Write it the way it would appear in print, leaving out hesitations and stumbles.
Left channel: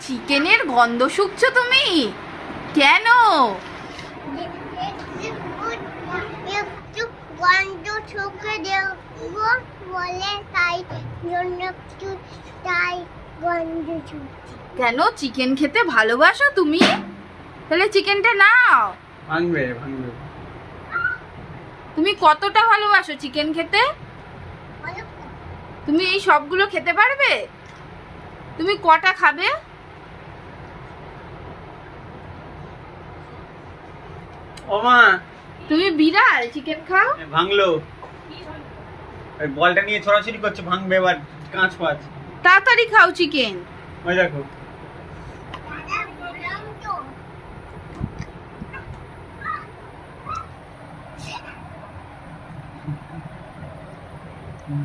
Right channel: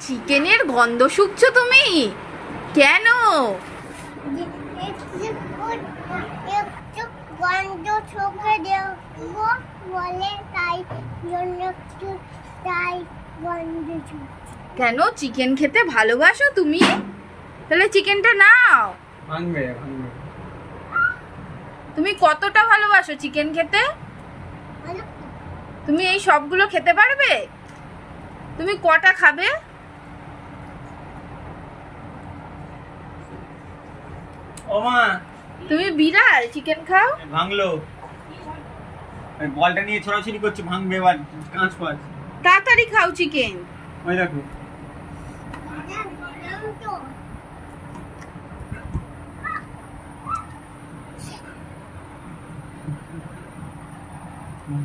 চিকেনের গন্ধ শুকছো তুমি? কেন? একটু গন্ধ শুকে দেখবো বলে তাই জন্য একটু তাই গন্ধ শুকছে। কেন চিকেন খেতে ভালোবাসো তুমি? তাহলে চিকেনটা নাও। ভাঙবে ভাঙবে। তুমি কতটা ভালোবাসো চিকেন খেতে? অনেক তুমি এই সবগুলো খেতে পারবে? তুমি কটা খাবে? ও মা, তুমি বিড়াল চিকেন খাও? ভাঙলো। ওই বলটা নিয়ে ছড়াছড়ি করছে, ভাঙবে এবার, কাঁচ পাঁচ। তাড়াতাড়ি খাও চিকেন। ওই দেখো। দাদা বললাম তো হুম।